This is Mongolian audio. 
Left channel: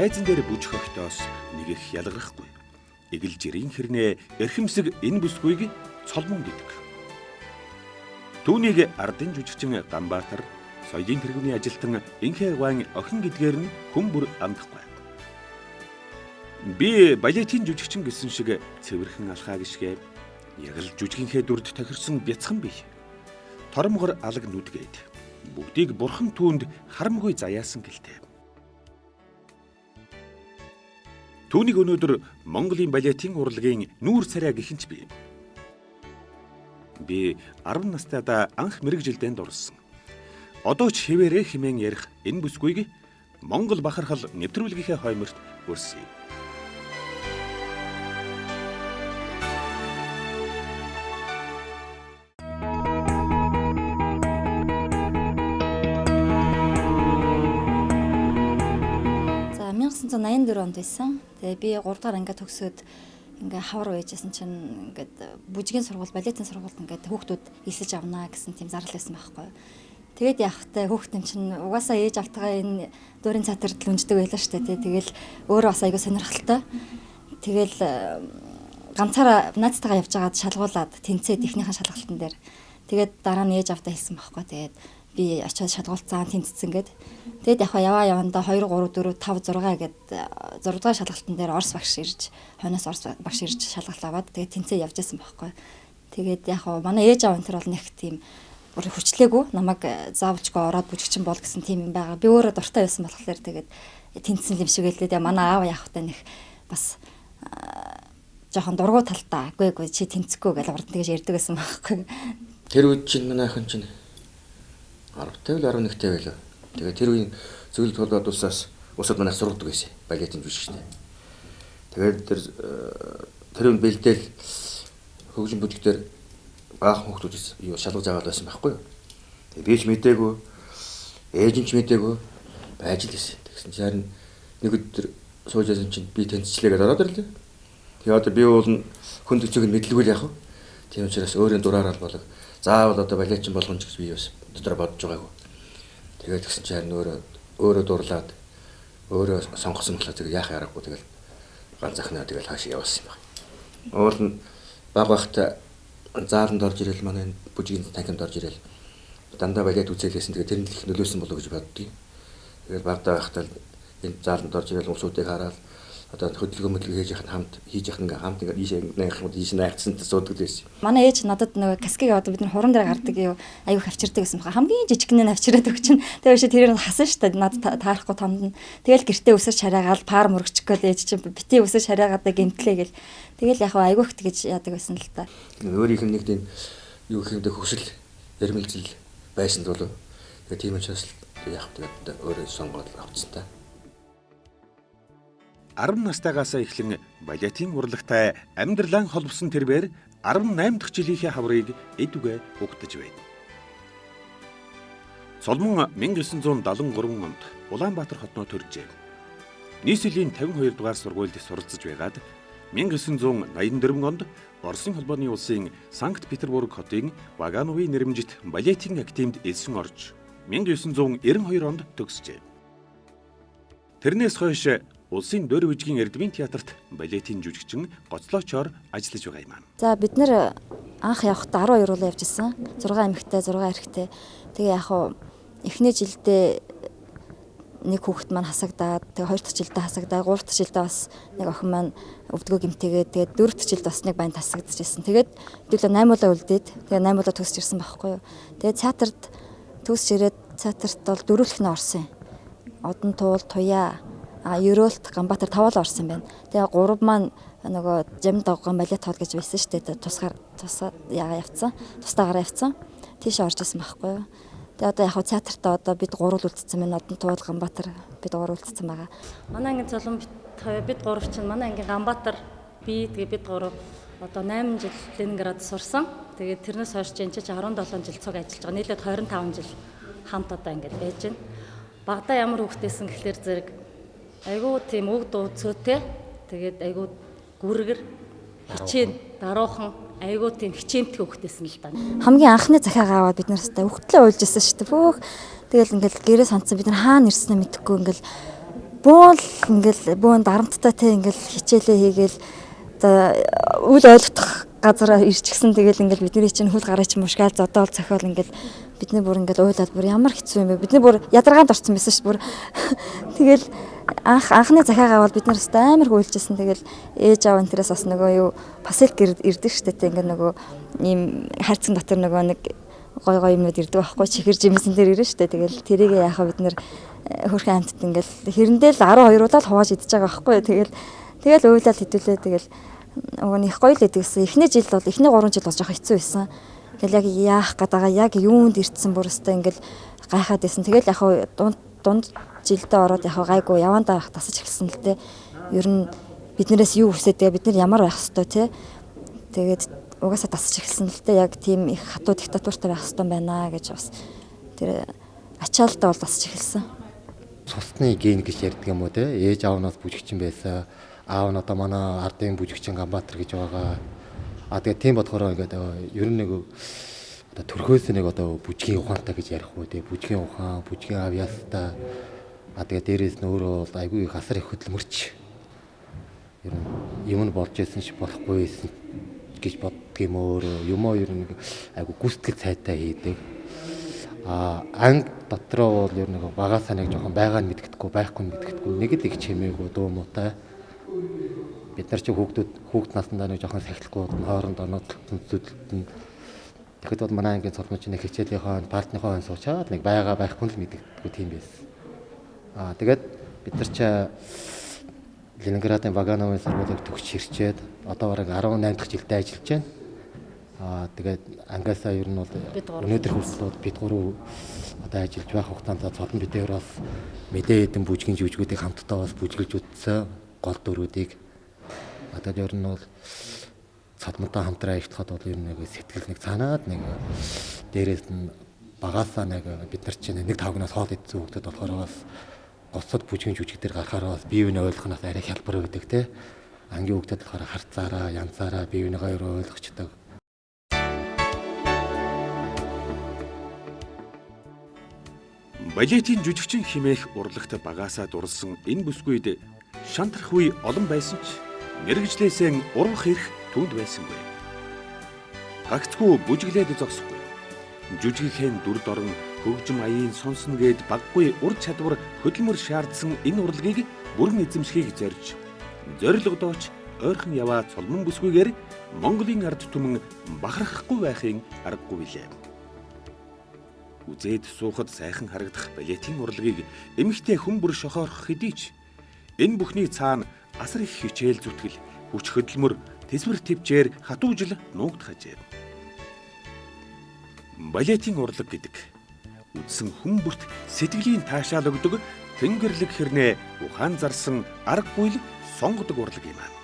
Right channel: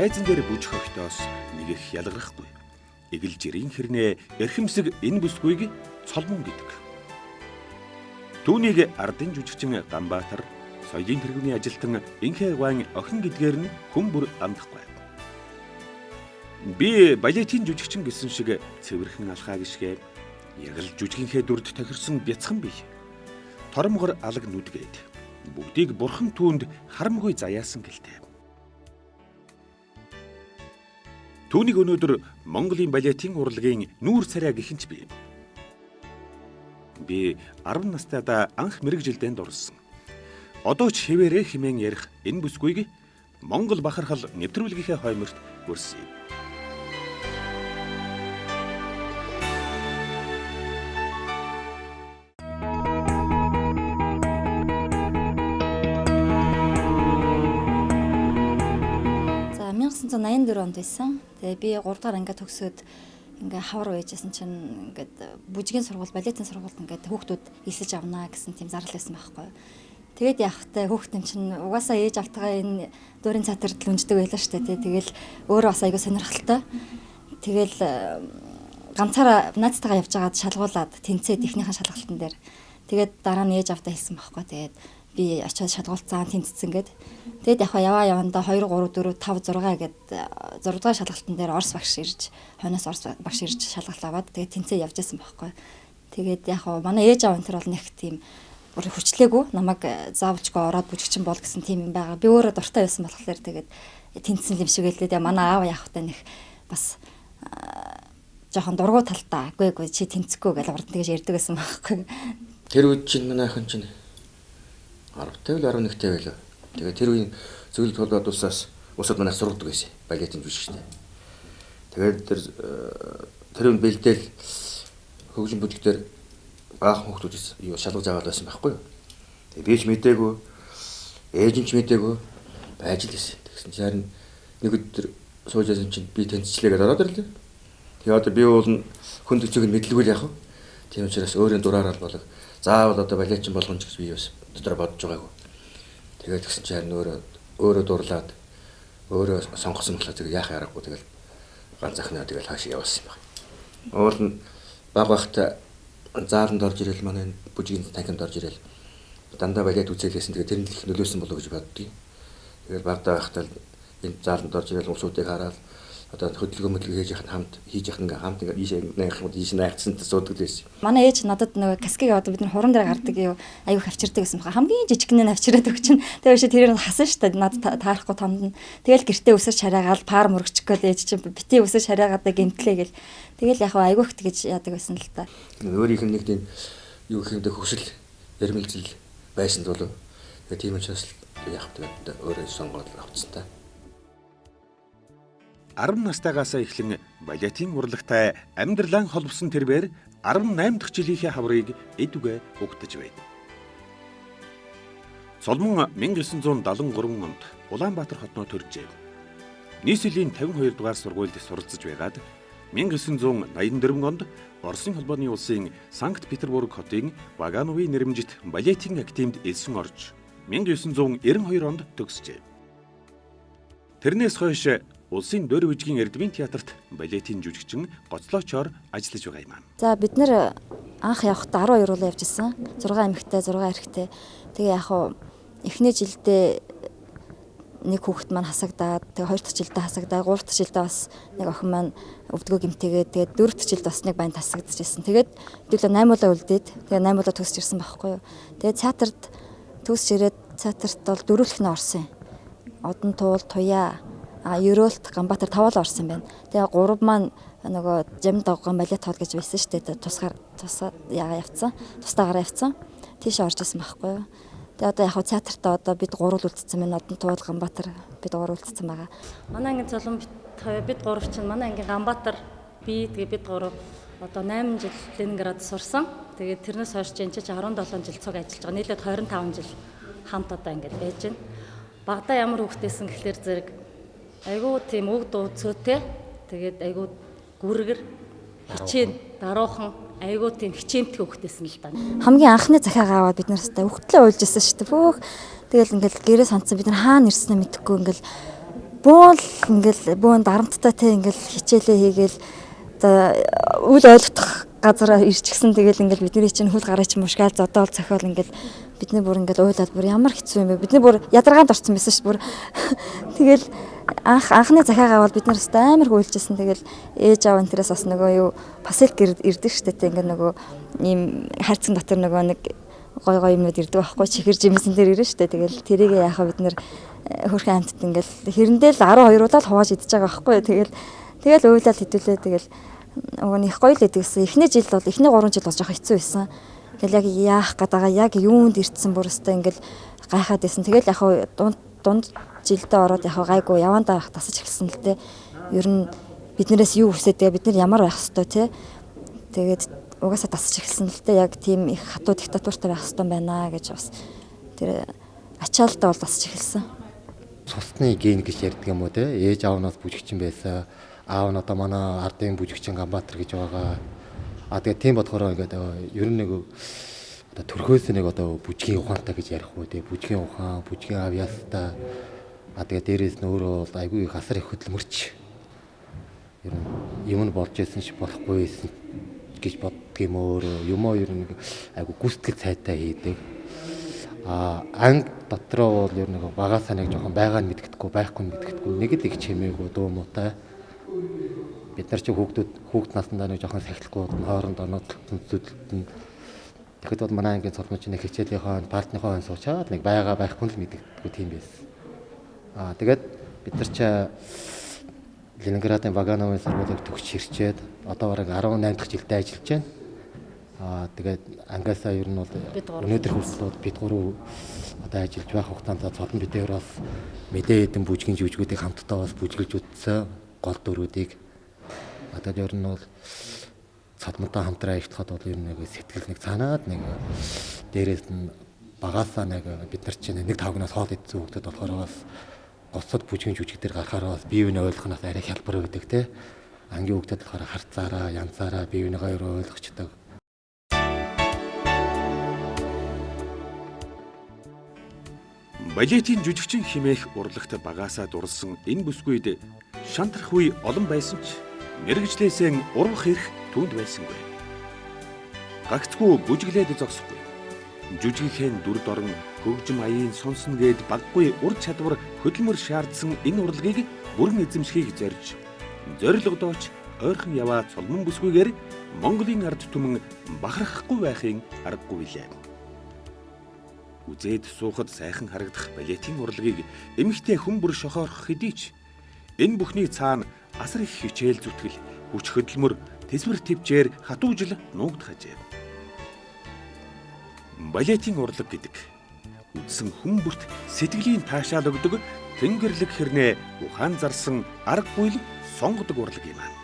тайзан дээр бүжих өгтөөс нэг их ялгархгүй. Игэл жирийн хэрнээ эрхэмсэг энэ бүсгүйг цолмон гэдэг. Түүнийг ардын жүжигчин Ганбаатар, соёлын тэргүүний ажилтан Инхэ Гуан охин гэдгээр нь хүн бүр амдахгүй. Би балетын жүжигчин гэсэн шиг цэвэрхэн алхаа гიშгэ яг л жүжигийнхээ дүрд тохирсон бяцхан бий. Тормгор алаг нүдгээд бүгдийг бурхан түүнд харамгүй заяасан гэлтэй. Түүнийг өнөөдөр Монголын балетын урлагийн нүүр царай гэхэнч бий. Би 10 настайдаа анх мэрэгжилдээнд орсон. Одоо ч хэвээрээ хэмээн ярих энэ бүсгүйг Монгол бахархал нэвтрүүлгийнхээ хойморт өрсөе. За 1984 онд байсан. Тэгээ би 3 дахь ангид төгсөөд ингээ хавар байжсэн чинь ингээд бүжгийн сургууль, балетын сургуульд ингээд хүүхдүүд элсэж авнаа гэсэн тийм зардал байсан байхгүй. Тэгээд явахтай хүүхдэн чинь угаасаа ээж автгаа энэ дуурийн цаатарт л үнждэг байлаа шүү дээ. Тэгэл өөрөө бас айгүй сонирхолтой. Тэгэл ганцаараа наацтайгаа явж байгаад шалгуулад тэнцээд ихнийхэн шалгалтын дээр. Тэгээд дараа нь ээж автаа хэлсэн байхгүй. Тэгээд би очиод шалгуулцаан тэнцсэн гээд. Тэгэд яваа явандаа 2 3 4 5 6 гээд 6 дугаар шалгалтын дээр Орос багш ирж, хойноос Орос багш ирж шалгалт аваад тэгээд тэнцээ явж байсан байхгүй. Тэгээд манай ээж аав энэ төр бол нэг тийм хүчлээгүй намайг заавчгүй ороод бүжигчин бол гэсэн тийм юм байгаа. Би өөрөө дуртай байсан болохоор тэгээд тэнцсэн юм шиг хэлээ. Тэгээ манай аав яахтай нэг бас жоохон дургу талтай. Үгүй чи тэнцэхгүй гэж урд нь тэгж ярьдаг байсан байхгүй. Тэр үед чинь манай охин чинь 10-тай л 11-тэй байлаа. Тэгээ тэр үеийн зөвлөлт холбоод усад манайх сургадаг байсан. Балетын жүжигчтэй. Тэгээд тэр үн бэлдээл хөгжим бүлэгтэр баахан хүүхдүүд юу шалгаж аваад байсан байхгүй юу. Тэгээ би ч мэдээгүй, ээж нь ч мэдээгүй байж л байсан. Тэгсэн чинь харин нэг өдөр сууж байсан чинь би тэнцчлээ гэдээ ороод ирлээ. Тэгээ одоо би уул нь хүн төцөг нь мэдлгүй л яах вэ? Тийм учраас өөрийн дураараа л болог. Заавал одоо балетчин болгоно гэж би бас дотор бодож байгаагүй. Тэгээд тэгсэн чинь харин өөрөө дурлаад өөрөө сонгосон болохоор тэгээ яах ярахгүй тэгэл ганц захнаа тэгэл хаашаа явуулсан юм байна. Уул нь баг багта зааланд орж ирэл манай бүжгийн танхимд орж ирэл дандаа балет үзээлсэн тэгээ тэр нь их нөлөөсөн болов гэж боддгийг. Тэгээд багтаа байхдаа энэ зааланд орж ирэл усуудыг хараад одоо хөдөлгөөн хийж яхад хамт хамт ингээд ийш найгцсан суудаг байсан. Манай ээж надад нөгөө каскиг аваад бид нар хуран дээр гардаг юу аюу авчирдаг гэсэн баха. Хамгийн жижигнээ авчираад өгчин. Тэгээ тэрээр нь хасан штэ над таарахгүй томд. Тэгэл гэртээ өсөж хараагаал пар мөрөгчих гээл ээж чинь бити өсөж хараагаадаа гэмтлээ гэл. Тэгэл яг аюу их гэж яадаг байсан л та. Өөрийнх нь нэг тийм юу хиймдэ хөсөл ярмэлзэл байсан бол тэгээ тийм учраас яг тэгээд өөрөө сонгоод авцсан та. 10 настайгаас эхлэн балетын урлагтай амьдралаа холбосон тэрбээр 18 дахь жилийнхээ хаврыг эдүгэ угтаж байна. Цолмон 1973 онд Улаанбаатар хотноо төржээ. Нийслэлийн 52 дугаар сургуульд суралцж байгаад 1984 онд Оросын холбооны улсын Санкт Петербург хотын Вагановын нэрмжит балетын академид элсэн орж 1992 онд төгсжээ. Тэрнээс хойш улсын дөр бүжгийн Эрдмийн театрт балетын жүжигчин гоцлоочоор ажиллаж байгаа юм. За бид нэр анх явахдаа 12 руу явж исэн. 6 эмэгтэй, 6 эрэгтэй. Тэгээ эхний жилдээ нэг хүүхэд маань хасагдаад, тэгээ 2 дахь жилдээ хасагдаад, 3 дахь жилдээ бас нэг охин маань өвдгөө гэмтээгээд, тэгээд 4 дахь жилд бас нэг банд хасагдаж ирсэн. Тэгээд хэдүүлээ 8 удаа үлдээд, тэгээ 8 удаа төгсөж ирсэн байхгүй юу. Тэгээд театрт төгсөж ирээд театрт бол дөрөвлөхнө орсон юм. Одон туул, туяа Ерөөлт Ганбаатар 5 л орсон байна. Тэгээ 3 маань нөгөө жамд дагган балет хоол гэж байсан шүү дээ. Тусгаар яага явцсан. Тустаагаараа явцсан. Тийш орж исэн байхгүй юу. Тэгээ одоо яг театртаа одоо бид 3 л үлдсэн байна. Одон туул Ганбаатар бид 3 үлдсэн байгаа. Манай ангийн золон бид 3 чинь манай ангийн Ганбаатар тэгээ бид 3 одоо 8 жил Ленинград сурсан. Тэгээд тэрнээс хойш энэ чинь 17 жил цуг ажиллаж байгаа. Нийлээд 25 жил хамт одоо ингэж байж байна. Багада ямар хүүхдээсэн гэхлээр зэрэг айгуу тийм үг дуу цөөтэй. Тэгээд айгуу гүргэр хичээн даруухан айгуу тийм хичээнтэй хүүхдээсэн л даа. Хамгийн анхны захиагаа аваад бид нараас угтлээ уйлж исэн шүү дээ. Бүх тэгэл ингээл гэрээ сонцсон бид нар хаана ирснээ мэдэхгүй ингээл буул ингээл бүүн дарамттай те ингээл хичээлээ хийгээл үл ойлгох газараа ирчихсэн тэгэл ингээл бидний чинь хөл гараа чинь мушгаал зодоол цохиол ингээл бидний бүр ингээл уйлаад бүр ямар хэцүү юм бэ? Бидний бүр ядаргаанд орсон байсан ш бүр. Тэгэл анхны захиагаа бол бид нар өстой амар хүлжсэн. Тэгэл ээж аав энтерээс бас нөгөө юу пасэлк ирдэг штэ те ингээ нөгөө ийм хайрцаг дотор нөгөө нэг гой юмнууд ирдэг байхгүй чихэр жимсэн дээр ирнэ штэ. Тэгэл тэрийг яахаа бид нар хөрхэн амтд ингээл хэрэндээ л 12 удаа л хувааж идэж байгаа байхгүй. Тэгэл уйлаад хэдүүлээ тэгэл нөгөө их гоё л гэдэгсэн. Эхний жил бол эхний 3 жил бол жоох хэцүү байсан. Тэгэл яг яах гэдэг яг юунд ирдсэн бүрстэй ингээл гайхаад байсан. Тэгэл яг дунд жилдээ ороод яг гайгүй явандаа тасаж эхэлсэн л дээ. Ер нь биднээс юу хүсээд тэгээ бид нар ямар байх хэвээр те. Тэгээд угаасаа тасаж эхэлсэн л дээ. Яг тийм их хатуу диктатуртай байх хэвээр байна гэж бас тэр ачаалтаа бол тасаж эхэлсэн. Цусны ген гэж ярьдаг юм уу те. Ээж аавнаас бүжигчин байсан. Аав нь одоо манай ардын бүжигчин Ганбаатар гэж байгаа. Тэгээд тийм бодохоор ингээд ер нь нэг одоо төрхөөс нэг одоо бүжгийн ухаантай гэж ярих уу те. Бүжгийн ухаан, бүжгийн авьяастай. Тэгээд дээрээс нь өөрөө бол айгүй их асар их хөдөлмөрч. Ер нь юм нь болж исэн ч болохгүй байсан гэж боддөг юм өөрөө. Юмоо ер нь айгүй гүйцэтгэл цайтай хийдэг. Анги дотроо бол ер нь багаасаа нэг жоохон байгааг нь мэдгэдэггүй, байхгүй нь мэдгэдэггүй. Нэг л их чимээгүй дуу муутай. Бид нар чи хүүхд наснаа нэг жоохон сахилахгүй хоорондоо нууцлалтанд тэгэхэд бол манай ангийн цолмоч нэг хичээлийнхаа партныхаа хон суучаад нэг байгаа байхгүй л мэдгэдэггүй тийм байсан. Тэгээд бид нар чи Ленинградын Вагановын сургуулийг төгсч ирчээд одоо бараг 18 дахь жилдээ ажиллаж байна. Тэгээд ангиасаа ер нь бол өнөөдөр хүртэл бид гурав одоо ажиллаж байх хугацаанд цолон бидээр бас мэдээ хэдэн бүжгийн жүжигүүдийг хамтдаа бас бүжгэлж үтсэн гол дүрүүдийг одоо ер нь бол цолмонтой хамтраа ихтлэхэд бол ер нь нэг сэтгэл нэг цаанаад нэг дээрээс нь багаасаа нэг бид нар чинь нэг тавгнаас хоол идсэн хөлтөд болохоор бас гоцод бүжгийн жүжиг дээр гарахаар бас бие биенээ ойлгохноос арай хялбар байдаг те. Ангийн хөлтөд болохоор харцаараа, янзаараа бие биенээ хоёр ойлгочдөг. Балетийн жүжигчин хэмээх урлагт багаасаа дурлсан энэ бүсгүйд шантрах үе олон байсан ч мэрэгжлээсээ урвах эрх түнд байсангүй. Гагцгүй бүжиглээд зогсохгүй. Жүжигхийн дүр дорн хөгжим аяын сонсно гээд баггүй ур чадвар хөдөлмөр шаардсан энэ урлагийг бүрэн эзэмшихийг зорж зорилгодооч ойрхон яваа цолмон бүсгүйгээр Монголын ард түмэн бахархахгүй байхын аргагүй билээ. Үзээд суухад сайхан харагдах балетийн урлагийг эмэгтэй хүн бүр шохоорох хэдий ч энэ бүхний цаана асар их хичээл зүтгэл, хүч хөдөлмөр, тэсвэр төвчээр хатуужил нуугдхажээ. Балетийн урлаг гэдэг үдсэн хүн бүрт сэтгэлийн таашаал өгдөг тэнгэрлэг хэрнээ ухаан зарсан аргагүй л сонгодог урлаг юм аа.